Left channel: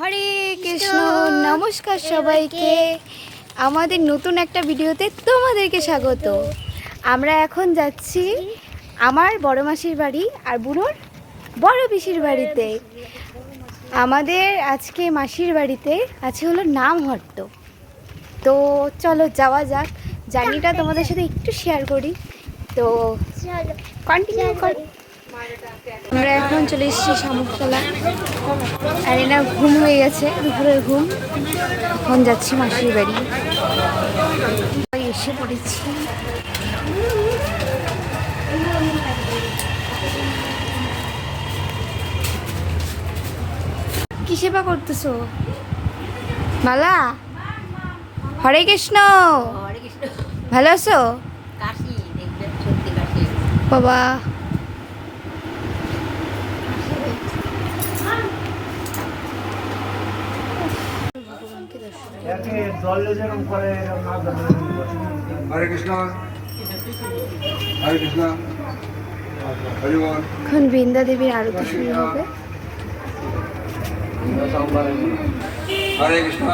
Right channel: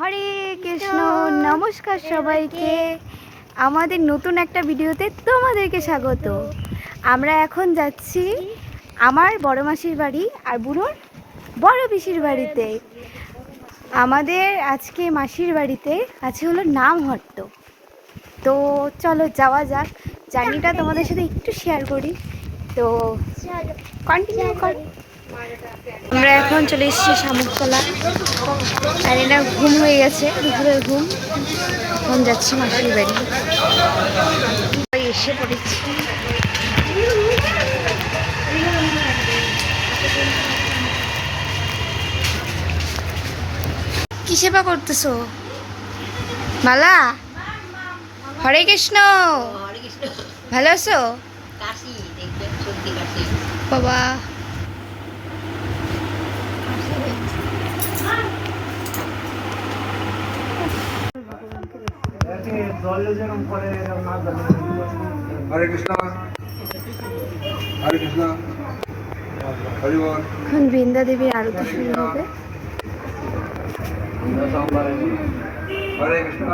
হরে কৃষ্ণ। নমস্কার সবাইকে, আমাদের নতুন একটা ভিডিওতে তোমাদেরকে স্বাগত। আমরা এখন যাচ্ছি আমার বড় মাসির বাড়ি আর বুড়োর বড় পিসির বাড়িতে। আমাদের আজকে মাসির বাড়িতে আছে হলো নামহট্ট। তো চলো যাওয়া যাক, জার্নিটা তোমাদের সাথে একটু শেয়ার করি। তো কন্টিনিউ কর। আমরা এখন চলে এসেছি শামুকতলা, আর এটা ঘুম হয়ে গেছে, দুপুরের ঘুম। এখন যাচ্ছি মাসির বাড়ি, এসে পড়েছি। কি সেবা করতেছো মালা? হরে কৃষ্ণ। ভালো আছো বাবা? হরে কৃষ্ণ, হরে কৃষ্ণ। এখন বৃন্দা দেবীর আরতি শুরু হবে। হরে কৃষ্ণ।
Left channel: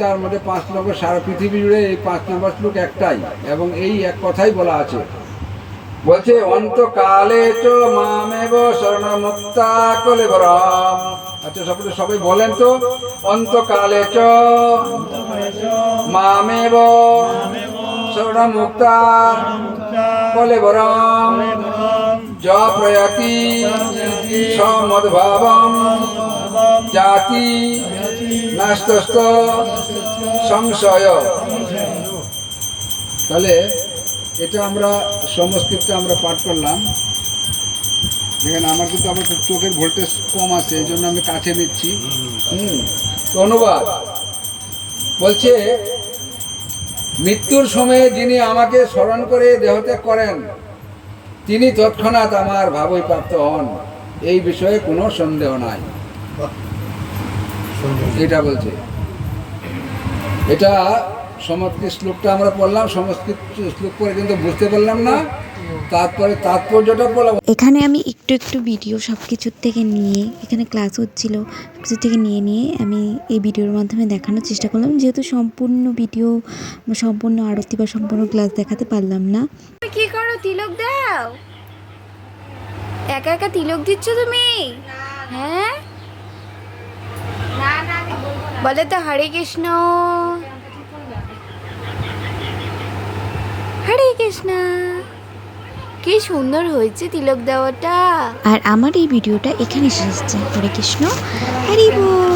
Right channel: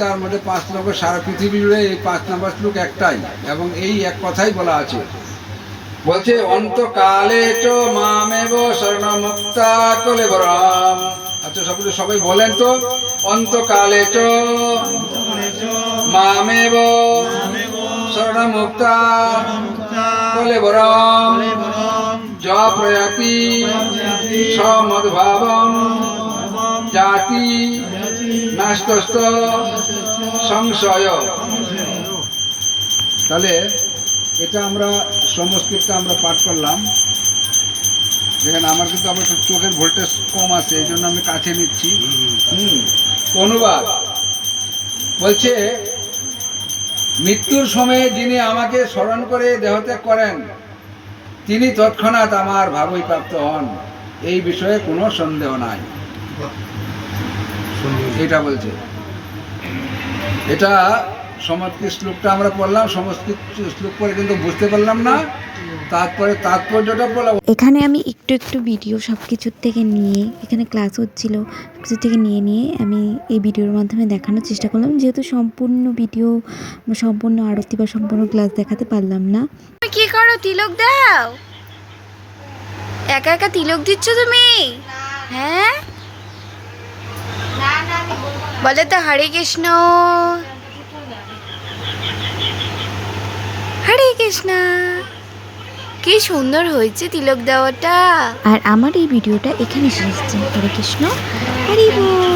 তার মধ্যে 5 নম্বর, সারা পৃথিবী জুড়ে এই 5 নম্বর শ্লোক একটাই, এবং এই এক কথাই বলা আছে। বলছে অন্তকালে চ মামেব শরণমুক্তা কলেবরম। আচ্ছা সবাই বলেন তো, অন্তকালে চ মামেব শরণমুক্তা কলেবরম যা প্রয়াতি সমদ্ভাবম জাতি নাস্তস্ত সংশয়। তাহলে এটা আমরা সংস্কৃতটা আমরা পাঠ করলাম। দেখেন আমার কিন্তু আবার চোখের ভোল্টেজ কম আছে, এই জন্য আমি কাছে নিচ্ছি। তো অনুবাদ বলছে, মৃত্যুর সময়ে যিনি আমাকে স্মরণ করে দেহত্যাগ করেন তিনি তৎক্ষণাৎ আমার ভাবই প্রাপ্ত হন, এই বিষয়ে কোনো সন্দেহ নাই। এটা বলছে, এটা সংস্কৃত শ্লোকটা আমরা পড়লাম, সংস্কৃত শ্লোক পরে কিন্তু বুঝতে পারলাম না, তারপরে তাৎপর্যটা বলা। এখানে আমি একটু একটু ভিডিও সব কিছুর থেকে নিয়ে, এখানে ক্লাস হচ্ছিল, সব কিছু থেকে নিয়ে আমি এই ভিডিওর মাধ্যমে দেখানোর চেষ্টা করলাম, যেহেতু সম্পূর্ণ ভিডিও বা সম্পূর্ণ আরতি বা সম্পূর্ণ ক্লাস দেখাতে পারলাম না। তুমি কি করো? তিলক দাও। একা একা তিলক দিচ্ছ তুমি? হ্যাঁ, বলে তো হরে কৃষ্ণ, হরে কৃষ্ণ। কি সুন্দর হয়েছে তিলক দেওয়াটা। আর আমার এই ভিডিওটা এখানে শেষ হচ্ছে। হরে কৃষ্ণ, হরি বল।